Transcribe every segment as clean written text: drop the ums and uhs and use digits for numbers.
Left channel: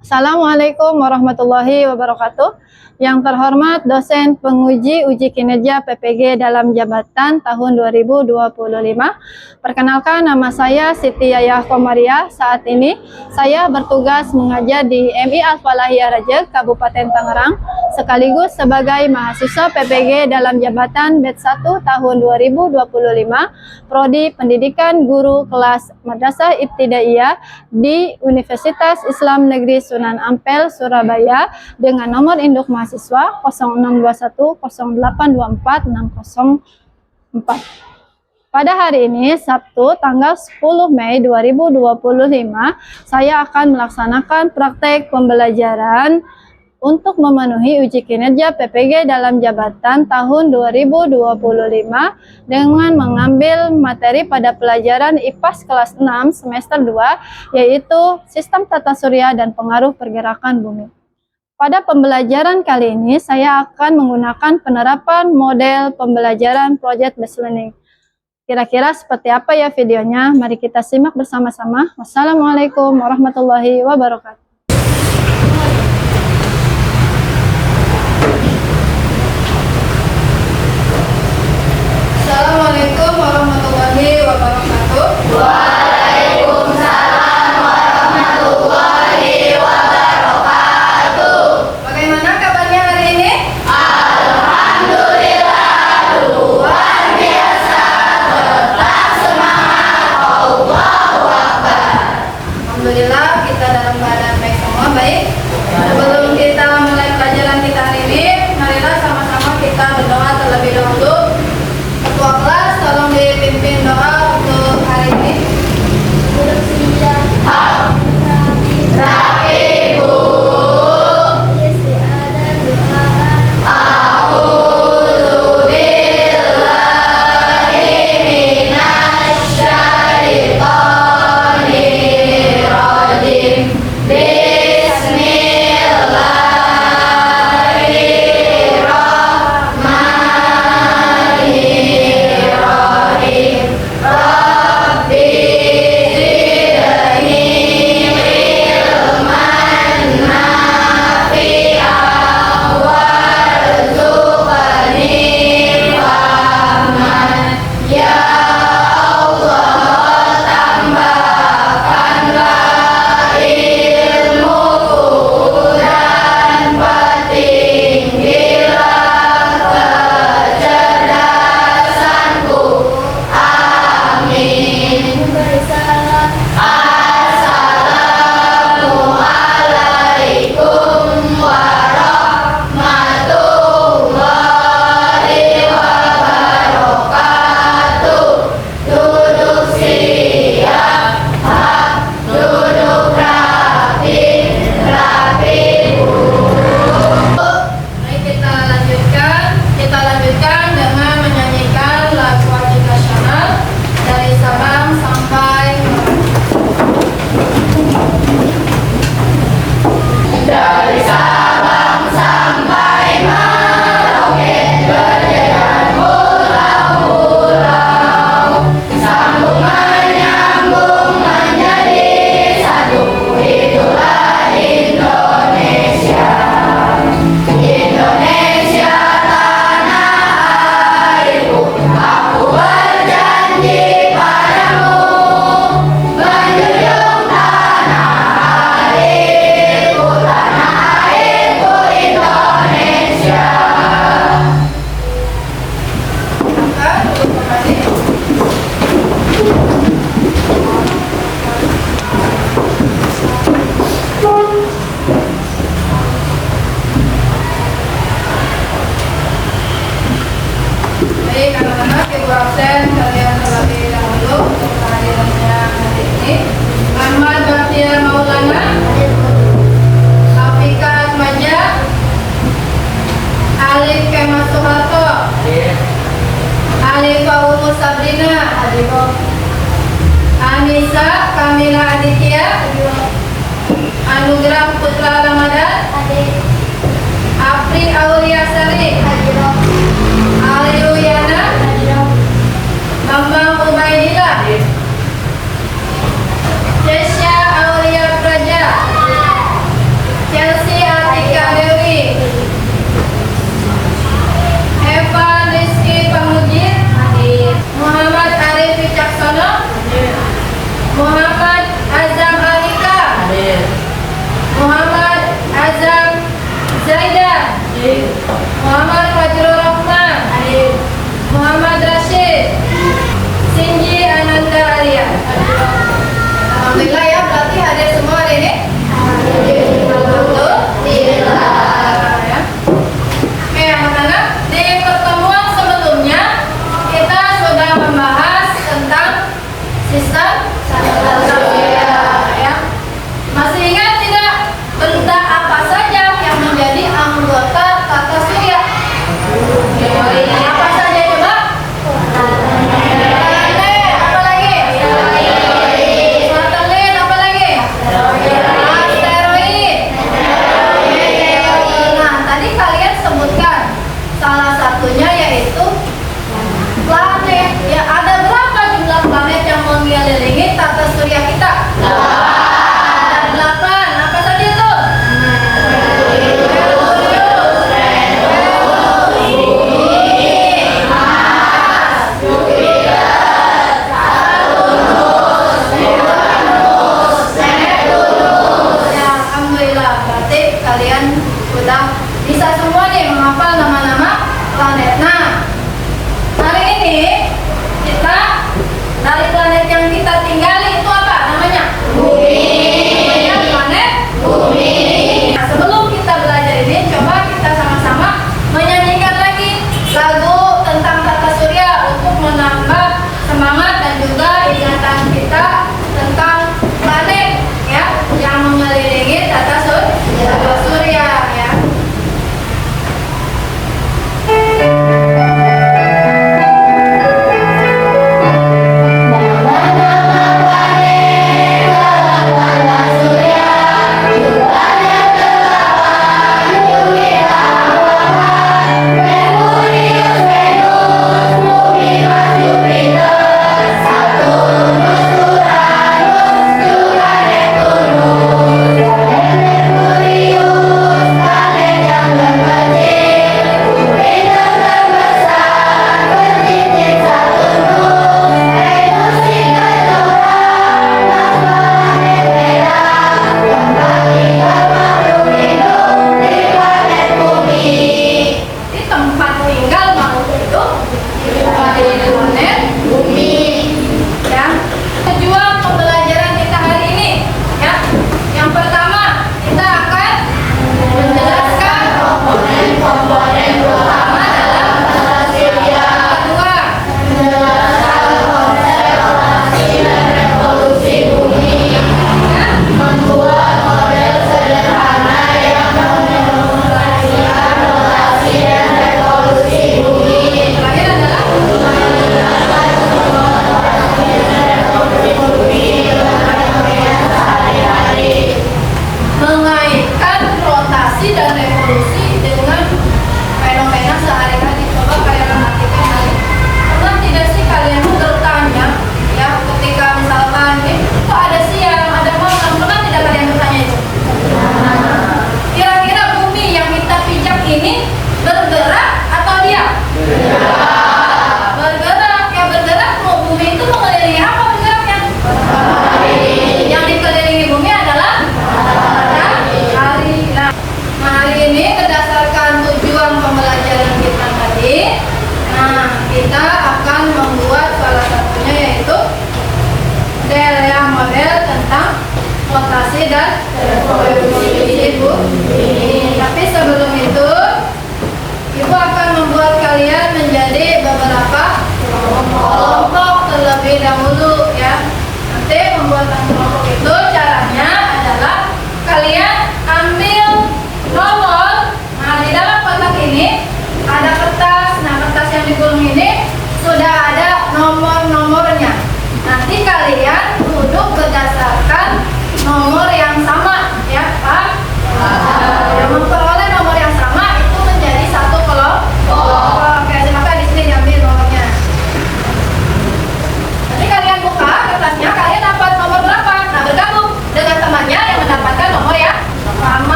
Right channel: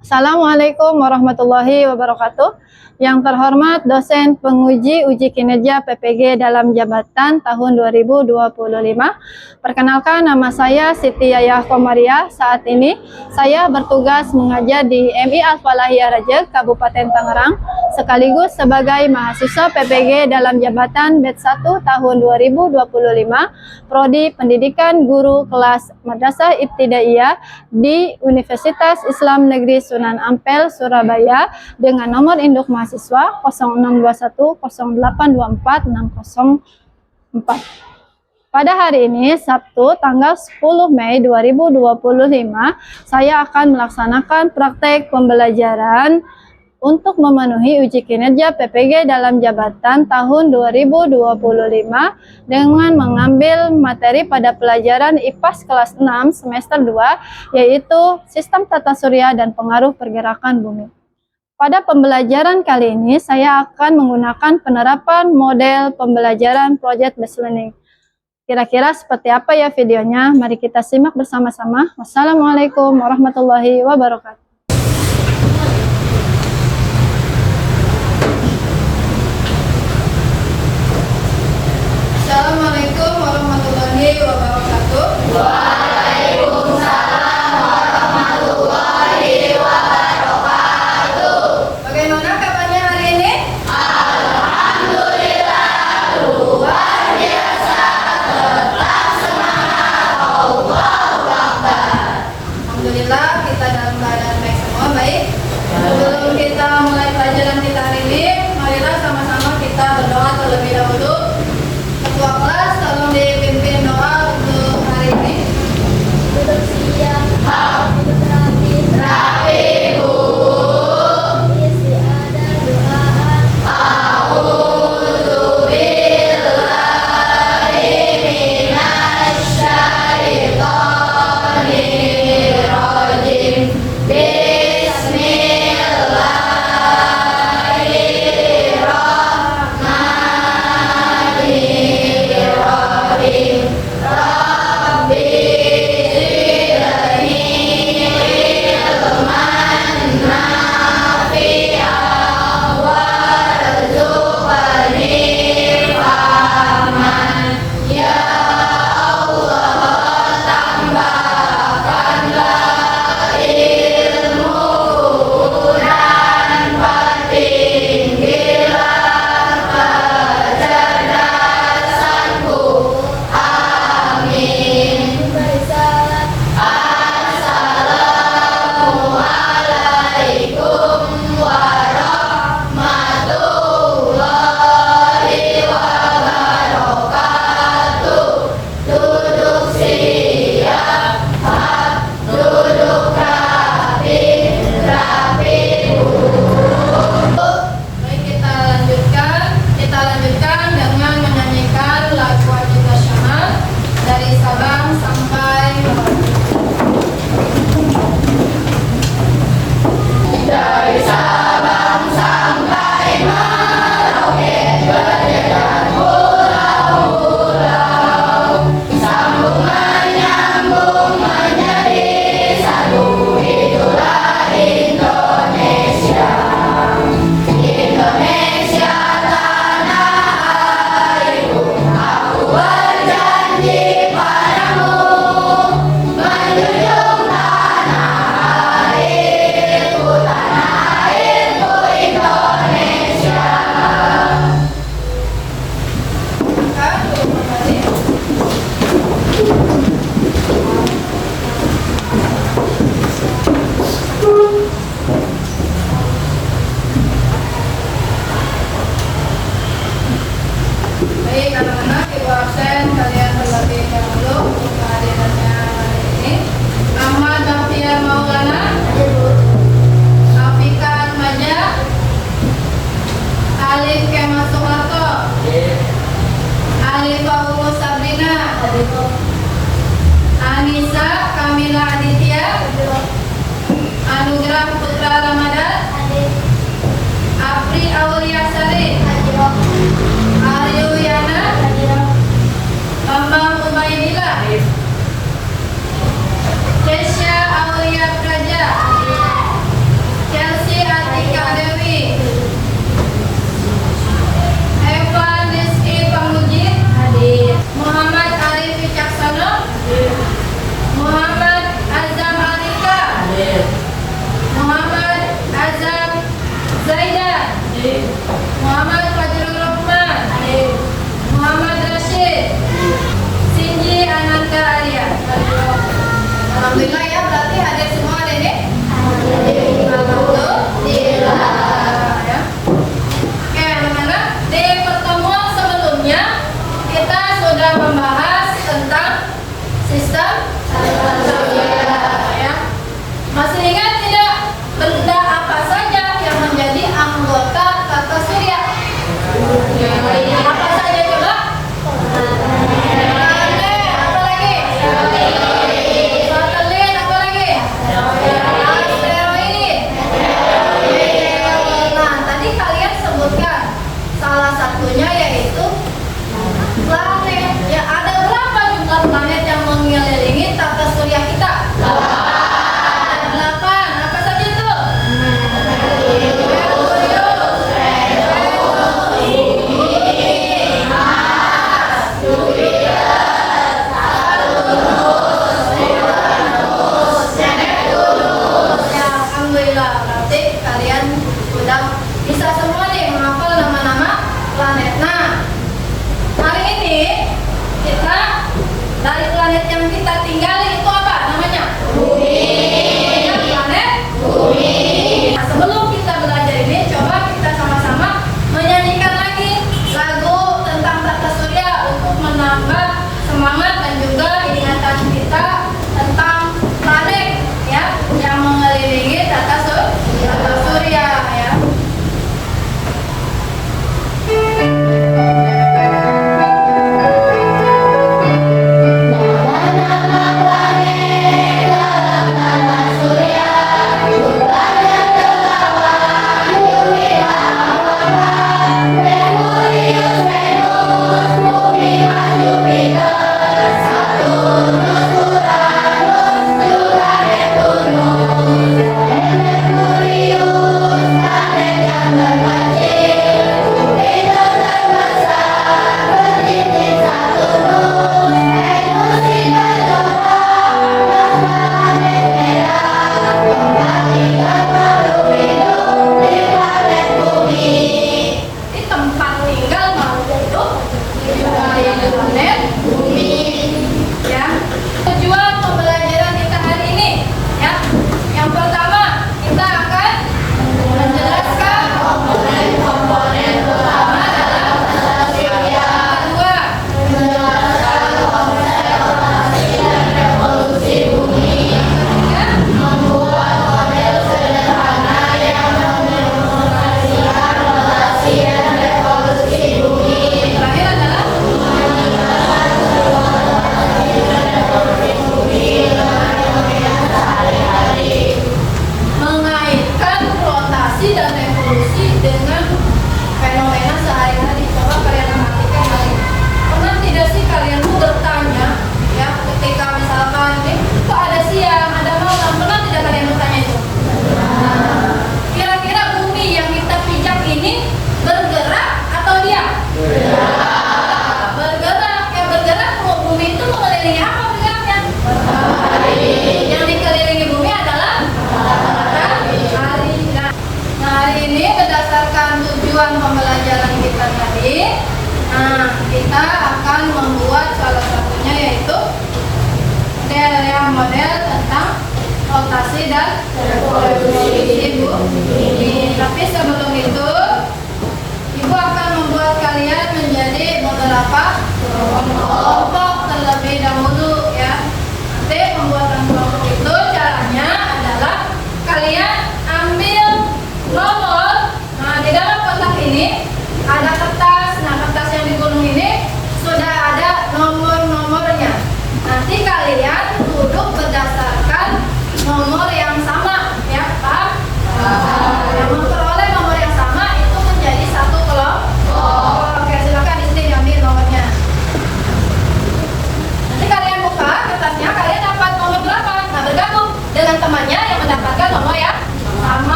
Assalamualaikum warahmatullahi wabarakatuh. Yang terhormat dosen penguji uji kinerja PPG dalam jabatan tahun 2025. Perkenalkan, nama saya Siti Yayah Komariah. Saat ini saya bertugas mengajar di MI Al-Falahiyah Rajek, Kabupaten Tangerang, sekaligus sebagai mahasiswa PPG dalam jabatan batch 1 tahun 2025, Prodi Pendidikan Guru Kelas Madrasah Ibtidaiyah di Universitas Islam Negeri Sunan Ampel, Surabaya, dengan nomor induk mahasiswa 06210824 Pada hari ini, Sabtu, tanggal 10 Mei 2025, saya akan melaksanakan praktek pembelajaran untuk memenuhi uji kinerja PPG dalam jabatan tahun 2025 dengan mengambil materi pada pelajaran IPAS kelas 6 semester 2, yaitu Sistem Tata Surya dan Pengaruh Pergerakan Bumi. Pada pembelajaran kali ini, saya akan menggunakan penerapan model pembelajaran Project Based Learning. Kira-kira seperti apa ya videonya? Mari kita simak bersama-sama. Wassalamualaikum warahmatullahi wabarakatuh. Assalamualaikum warahmatullahi wabarakatuh. Waalaikumsalam warahmatullahi wabarakatuh. Bagaimana kabarnya hari ini? Alhamdulillah, luar biasa. Tetap semangat. Allahu Akbar. Alhamdulillah, kita dalam keadaan baik semua. Baik, sebelum kita mulai pelajaran kita hari ini, marilah sama-sama kita berdoa terlebih dahulu. Ketua kelas, tolong dipimpin doa untuk hari ini. Rapi Bu. A'udzu billahi minasy syaithanir rajim. Bismillahirrahmanirrahim. Rabbi zidni ilman nafi'an warzuqni fahman. Ya Allah, tambahkanlah ilmuku dan pertinggilah kecerdasanku. Amin. Assalamualaikum warahmatullahi wabarakatuh. Duduk siap, duduk rapi, rapi Bu. Baik, kita lanjutkan dengan menyanyikan lagu wajib nasional dari Sabang sampai Dari Sabang sampai Merauke, berjalan pulau-pulau, sambung menyambung menjadi satu. Itulah Indonesia. Indonesia tanah airku, aku berjanji padamu, menjunjung tanah airku, Indonesia. duduk kembali. Baik, anak-anak, ibu absen, kalian terlebih dahulu untuk kehadirannya hari ini. Ahmad Bakhtiar Maulana, Afika Atmaja, Alif Kemas Soeharto, Alifah Umu Sabrina, Anissa Kamila Aditya, Anugerah Putra Ramadan, Apri Aulia Sari, Aryu Yana, Bambang Ubaidillah, Kesha Aulia Praja, Muhammad Fajrul Rahman. Muhammad Rashid. Sinji Ananda Arya. Alhamdulillah ya, berarti hadir semua hari ini. Alhamdulillah. Ya. Oke, anak-anak, di pertemuan sebelumnya kita sudah membahas tentang sistem surya. Ya. Masih ingat tidak benda apa saja yang menjadi anggota tata surya? Apa saja coba? Planet, apa lagi? Satelit, apa lagi? Asteroid. Nah, tadi kalian sebutkan salah satunya yaitu planet. Ya, ada berapa jumlah planet yang mengelilingi tata surya kita? Ada 8. Apa saja itu? Ya, alhamdulillah, berarti kalian sudah bisa semua nih menghafal nama-nama planet. Nah, hari ini kita dari planet yang kita tinggali itu apa namanya? Bumi. Namanya planet Bumi. Nah, sebelum kita belajar ini, coba kita sama-sama menyanyikan lagi lagu tentang tata surya untuk menambah semangat dan juga ingatan kita tentang planet ya yang mengelilingi tata surya ya. Di tempat tinggal makhluk hidup di planet Bumi ya. Tujuan pembelajaran kita hari ini ya, yang pertama kita akan menjelaskan komponen utama dalam tata surya. Kedua, menjelaskan konsep rotasi dan revolusi bumi ya, membuat model sederhana yang mengenerasikan rotasi dan revolusi bumi. Terakhir adalah menjelaskan revolusi bumi dengan fenomena sehari-hari. Mengaitkan rotasi dan revolusi dengan fenomena sehari-hari. Coba kalian perhatikan hari. Pernah tidak sih kalian tuh bertanya ya, ketika misalkan kok ada siang, ada malam, pernah tidak kalian bertanya itu? Kira-kira bumi yang kita pijak ini bergerak atau diam? Bergerak. Ya, bergerak. Bumi itu mengelilingi apa bergeraknya? Yang dikelilingi bumi adalah matahari. Nah, hari ini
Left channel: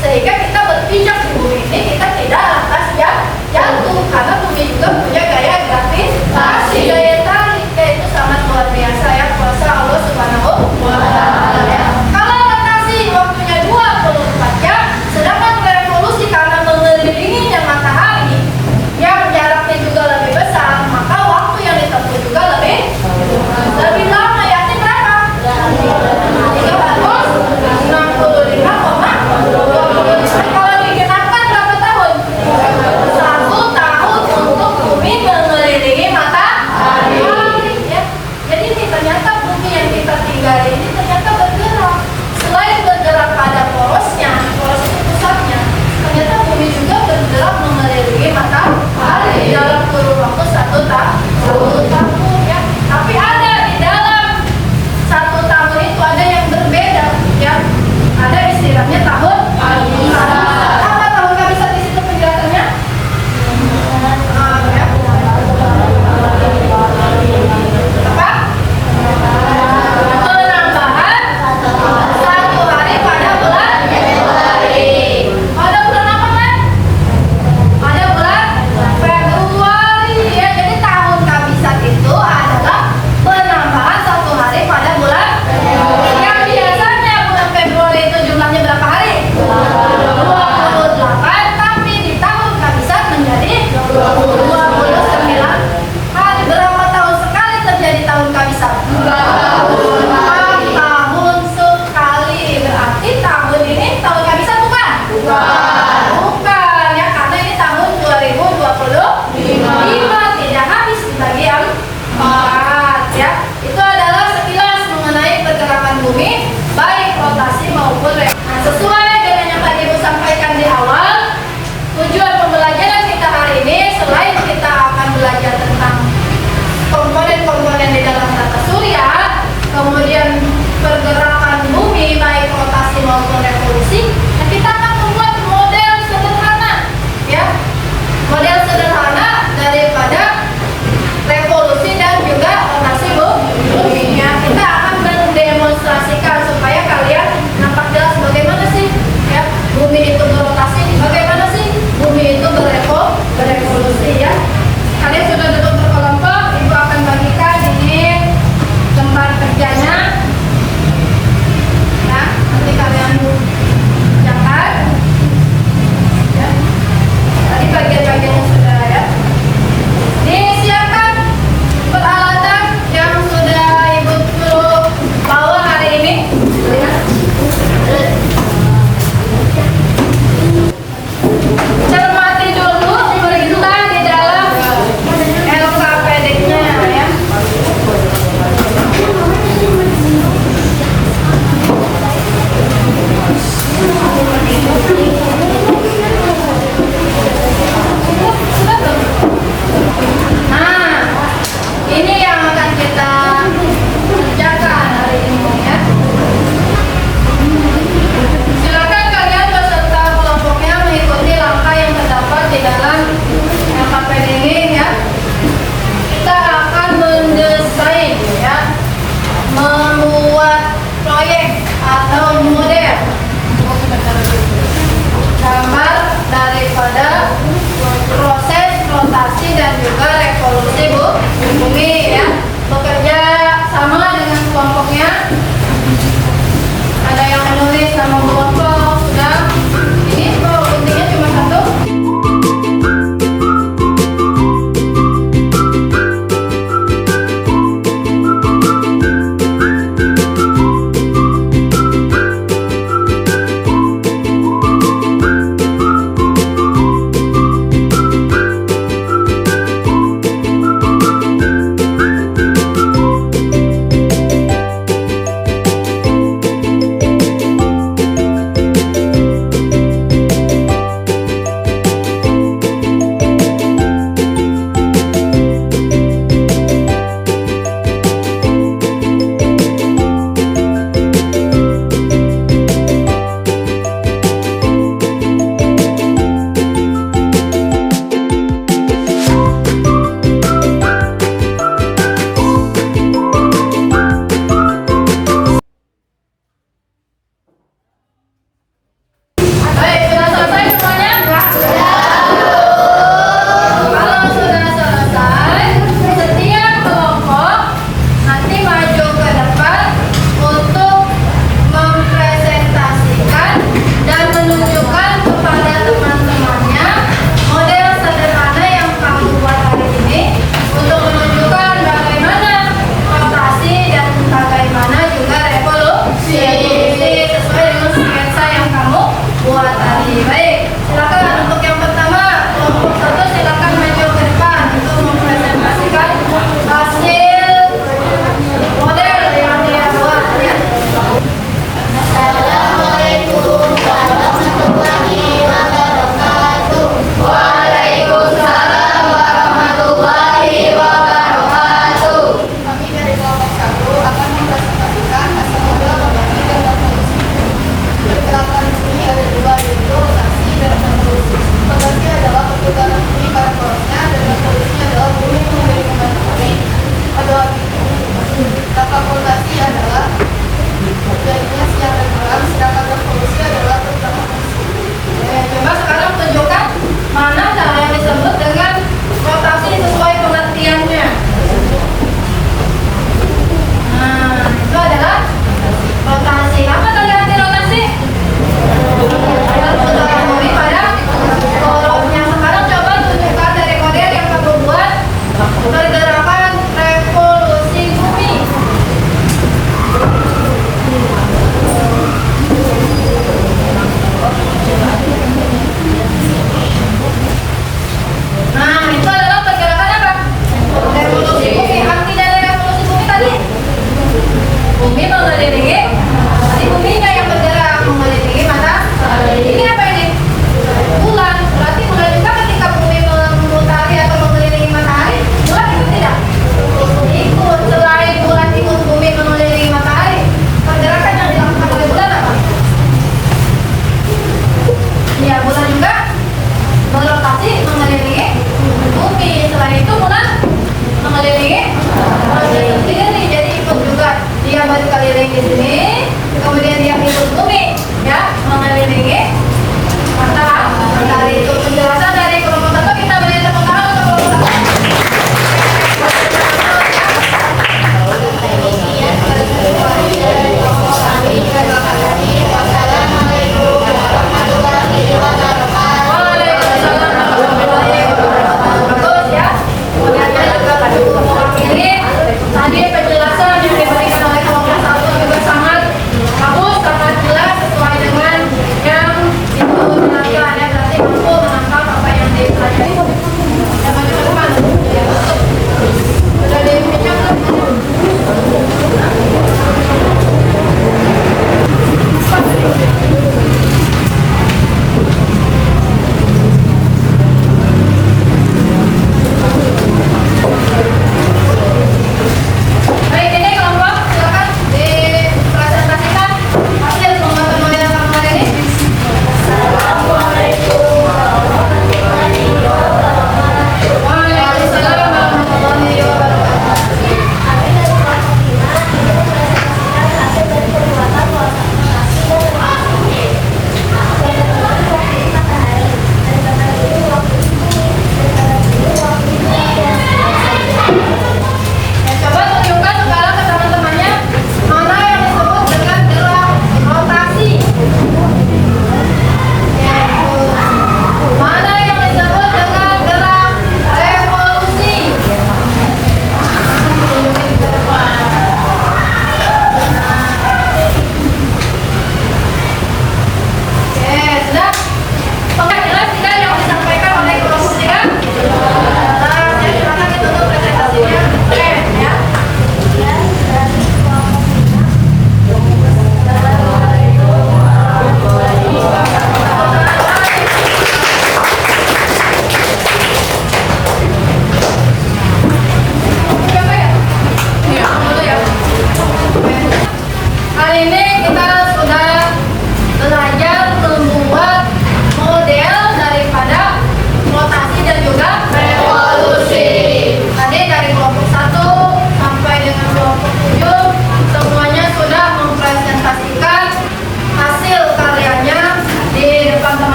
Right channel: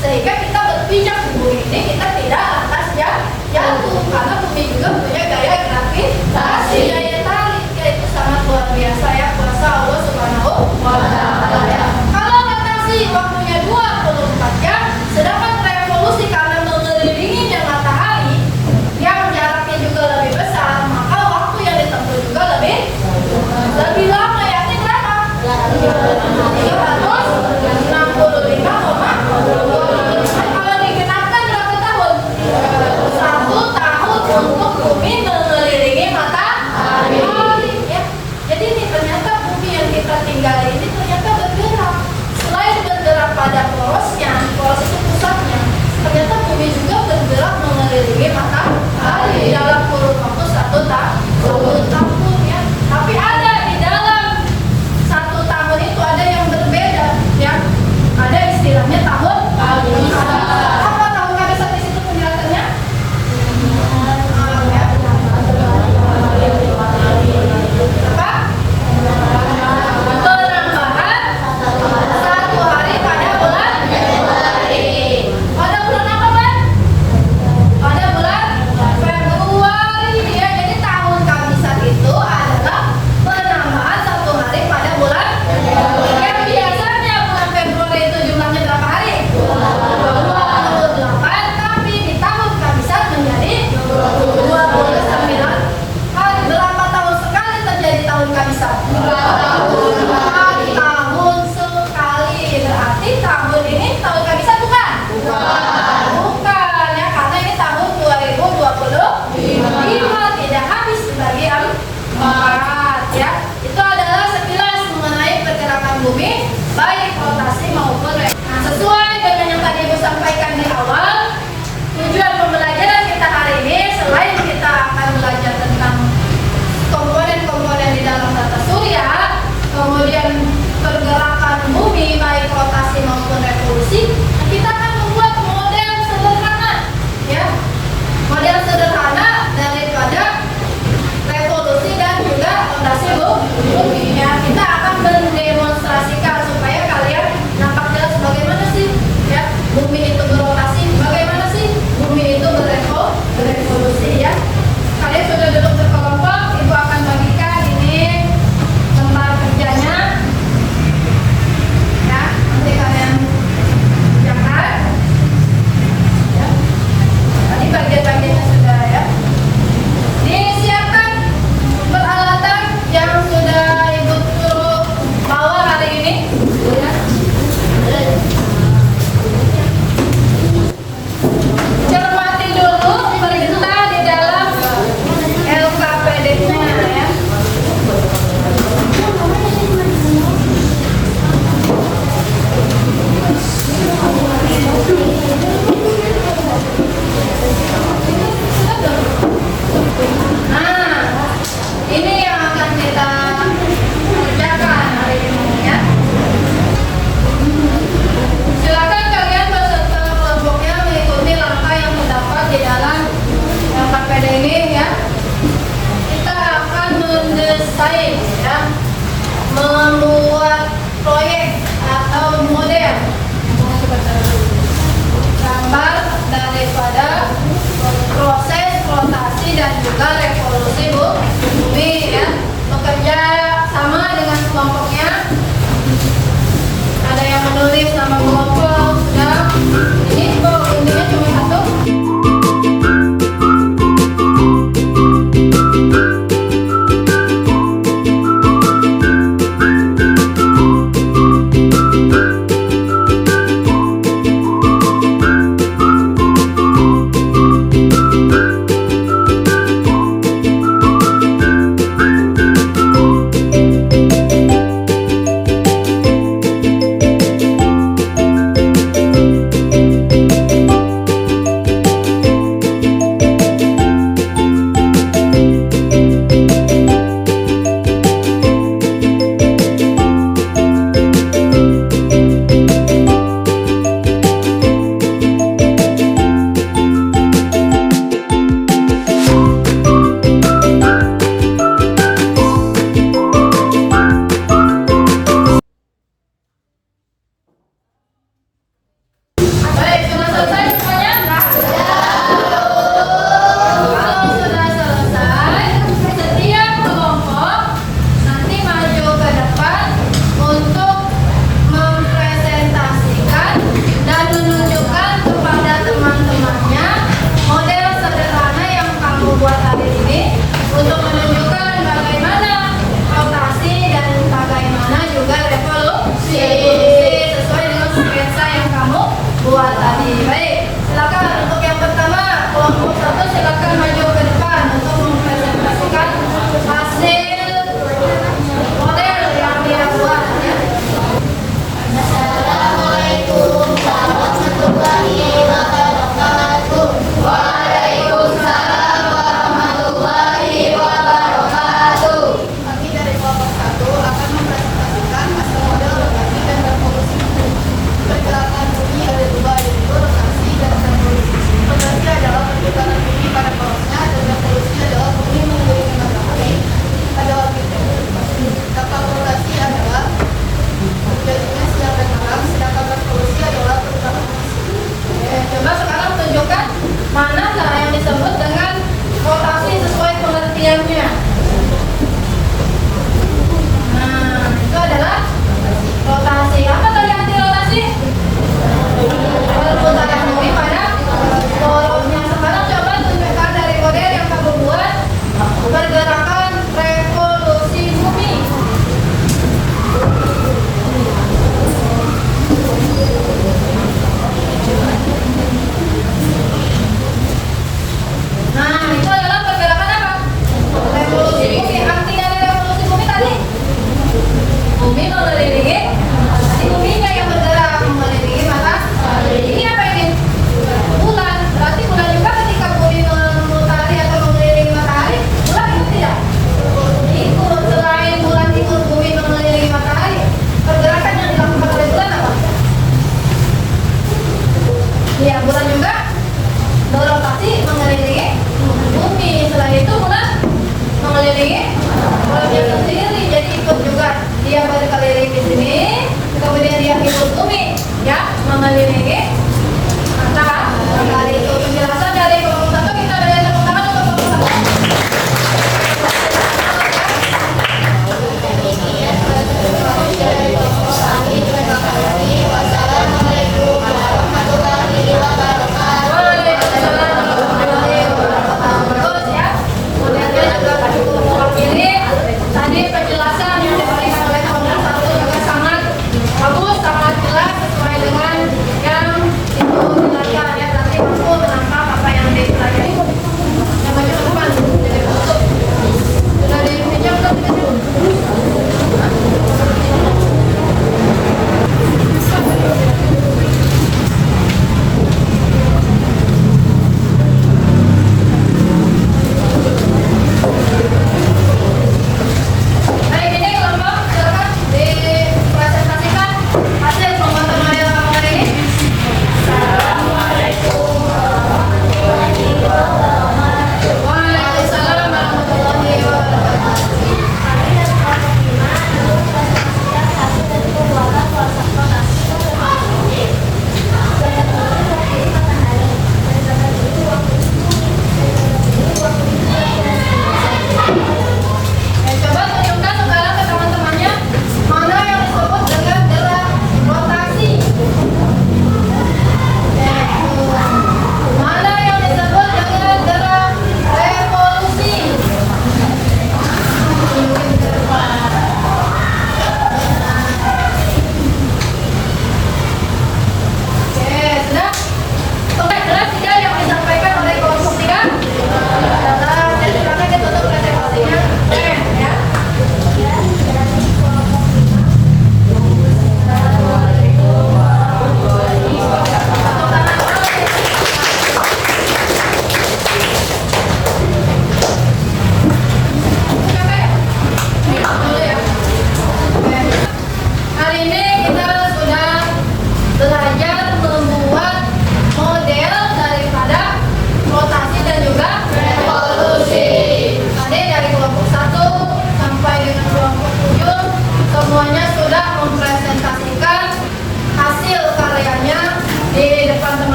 sehingga kita berpijak di bumi ini kita tidak lantas jatuh, karena bumi juga punya gaya gravitasi, daya tarik, yaitu sangat luar biasa ya, kuasa Allah Subhanahu wa Ta'ala ya. Kalau rotasi waktunya 24 jam, sedangkan revolusi karena mengelilinginya matahari yang jaraknya juga lebih besar, maka waktu yang ditempuh juga lebih lama, yakni berapa? 365,25. Kalau digenapkan berapa tahun? 1 tahun untuk bumi mengelilingi matahari ya. Jadi ini ternyata bumi yang kita tinggali ini ternyata bergerak. Selain bergerak pada porosnya, poros itu pusatnya, ternyata bumi juga bergerak mengelilingi matahari dalam kurun waktu 1 tahun ya. Tapi ada di dalam 1 tahun itu ada yang berbeda ya. Ada istilahnya tahun kabisat. Apa tahun kabisat di situ penjelasannya? Ya. Apa? Penambahan 1 hari pada bulan Februari. Pada bulan apa kan? Pada bulan Februari ya. Jadi tahun kabisat itu adalah penambahan 1 hari pada bulan Februari. Yang biasanya bulan Februari itu jumlahnya berapa hari? 28, tapi di tahun kabisat menjadi 29 hari. Berapa tahun sekali terjadi tahun kabisat? 4 tahun sekali. Berarti tahun ini tahun kabisat bukan? Bukan ya, karena ini tahun 2025, tidak habis dibagi 4 ya. Itu adalah sekilas mengenai pergerakan bumi baik rotasi maupun Nah, sesuai dengan yang tadi Ibu sampaikan di awal, tujuan pembelajaran kita hari ini selain kita akan belajar tentang komponen-komponen di dalam tata surya, kemudian pergerakan bumi baik rotasi maupun revolusi, nah kita akan membuat model sederhana ya. Model sederhana daripada revolusi dan juga rotasi bumi ya. Kita akan mendemonstrasikan supaya kalian nampak jelas bagaimana sih ya bumi itu berotasi, bagaimana sih bumi itu berevolusi ya. Kalian sudah duduk berkelompok, Ibu akan bagikan ini lembar kerjanya ya, nanti kalian kerjakan ya. Tadi bagian-bagiannya sudah ya. Disiapkan peralatan yang sudah Ibu suruh bawa hari ini ya. Cermati dulu perintah di dalam LKPD-nya ya. Nah, ini yang akan kita kerjakan hari ini ya. Silakan kalian beserta kelompoknya mengikuti langkah yang terdapat di dalam LKPD ini ya. Kita akan mendesain ya, membuat proyek atau model gambar daripada proses rotasi dan juga revolusi bumi ya. Bekerja sama dengan kelompoknya. Ada yang menulis sama kelompok sudah. Ini kok intinya cuma satu.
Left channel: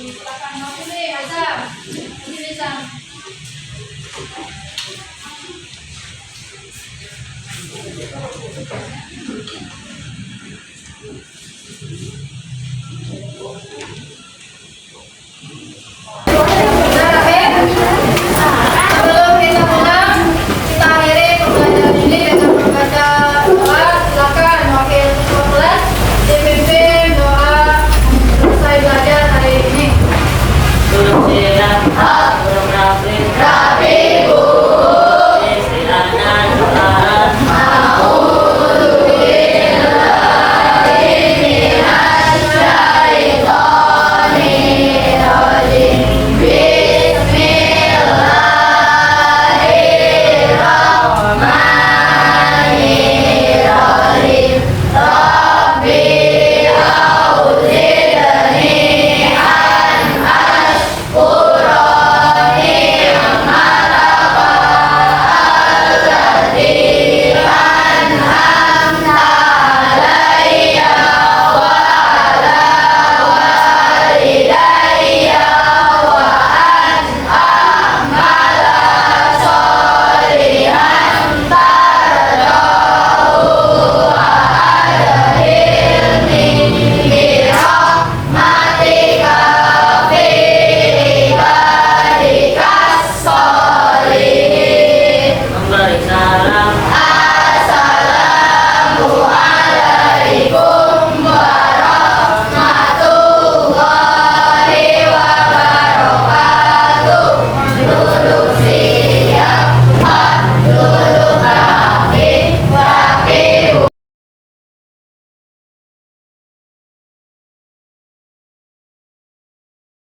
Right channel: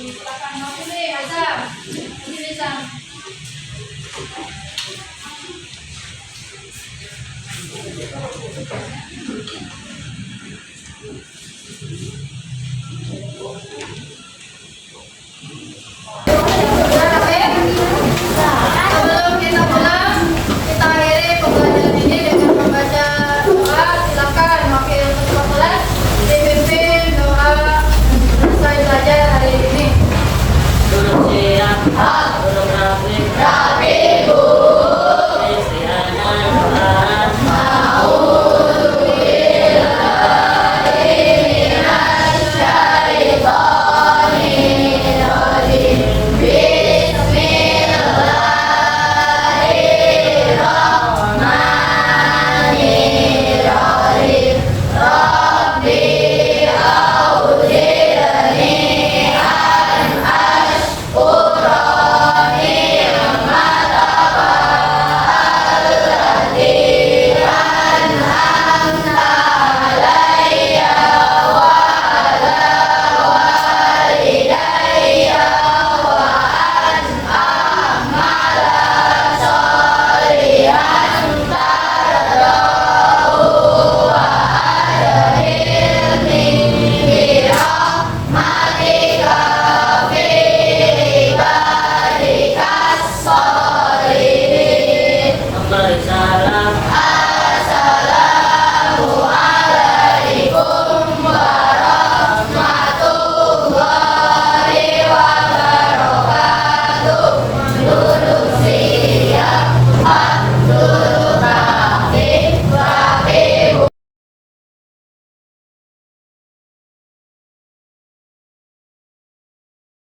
di belakang. Maju nih, Azam. Maju nih, Sam.